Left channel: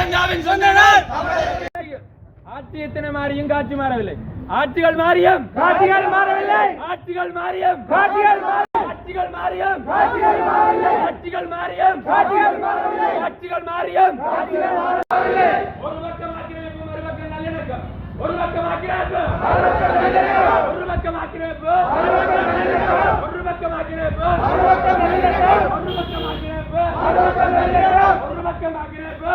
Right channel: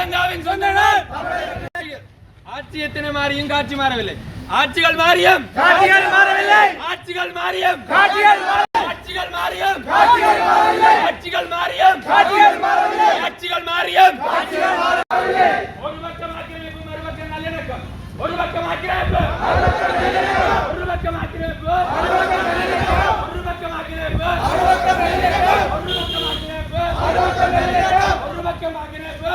ஸ்ரீலங்காவின் சொந்த நாள். ஆட்சி எத்தனை மாறியும் காட்சி மாறவில்லை. ஆட்சிகள் மாறியும் காட்சிகள் மாறவில்லை. ஆட்சிகள் மாறியும் காட்சிகள் ஆட்சிகள் மாறியும் காட்சிகள் மாறவில்லை. ஆட்சிகள் மாறியும் காட்சிகள் மாறவில்லை. ஆட்சிகள் மாறியும் காட்சிகள் மாறவில்லை. ஒரு பக்கம் ஆக்கிரமிப்பு, மறுபக்கம் நல்லிணக்கம். ஒரு பக்கம் ஆக்கிரமிப்பு, ஒரு பக்கம் ஆக்கிரமிப்பு, ஒரு பக்கம் நல்லிணக்கம். ஒரு பக்கம் ஆக்கிரமிப்பு, ஒரு பக்கம் நல்லிணக்கம். ஒரு பக்கம் ஆக்கிரமிப்பு, ஒரு பக்கம் நல்லிணக்கம். ஒரு பக்கம் ஆக்கிரமிப்பு.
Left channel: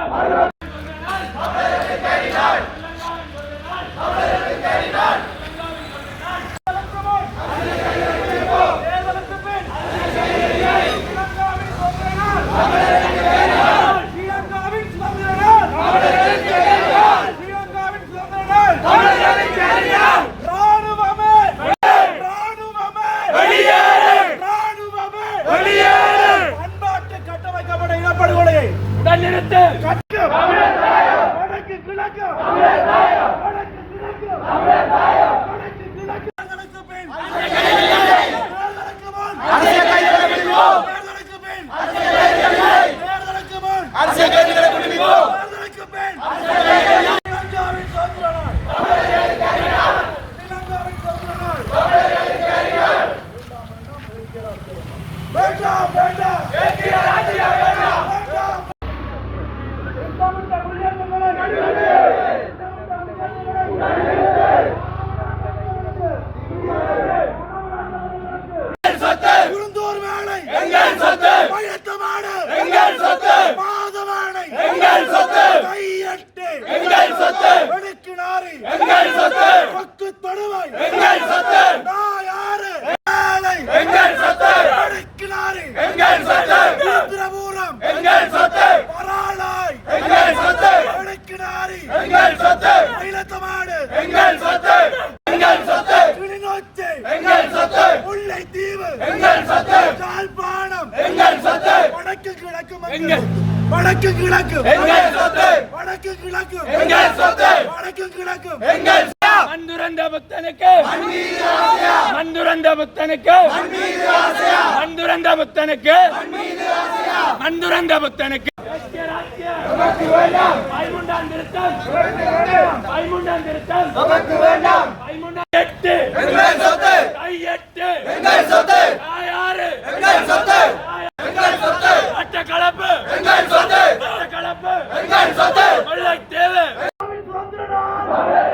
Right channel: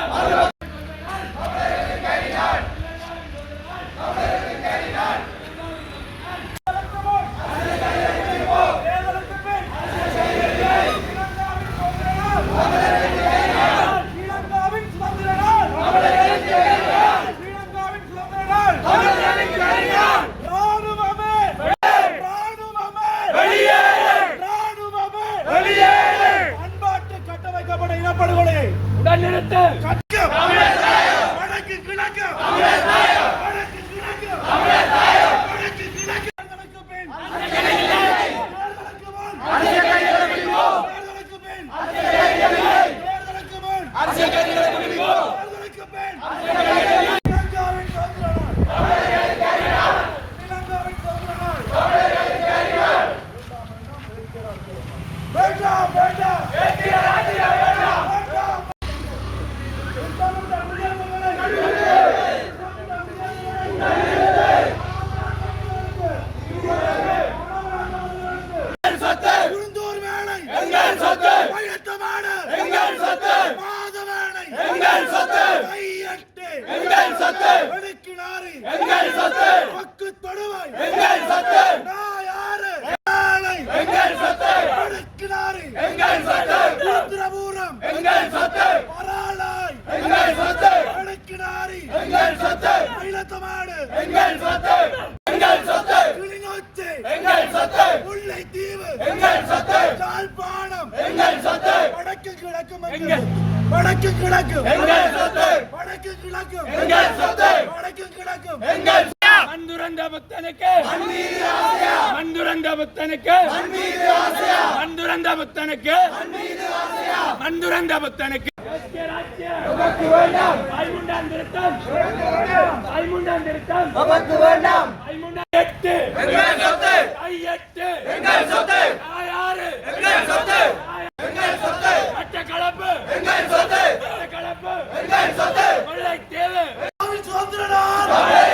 உடனிருத்து வடக்கு கிழக்கு வடக்கு கிழக்கு வடக்கு கிழக்கு தேர்தலுக்கு பின் தேர்தலுக்கு முன் தேர்தலுக்கு பின் தேர்தலுக்கு முன் தேர்தலுக்கு பின் இலங்காவின் சுதந்திர நாள். இலங்காவின் சுதந்திர நாள். வேண்டாம் வேண்டாம் வடக்கு கிழக்கு வடக்கு கிழக்கு வடக்கு கிழக்கு மந்துரந்த புத்தனுக்கு மந்துரந்த புத்தனுக்கு மந்துரந்த புத்தனுக்கு மந்துரந்த புத்தனுக்கு ஐமுண்டாம் திருத்தம் ஐமுண்டாம் திருத்தம் ஐமுண்டாம் எட்டு எட்டு யாரு அட்ட கலப்பு கலப்பு தேவை சுதந்திர நாள்.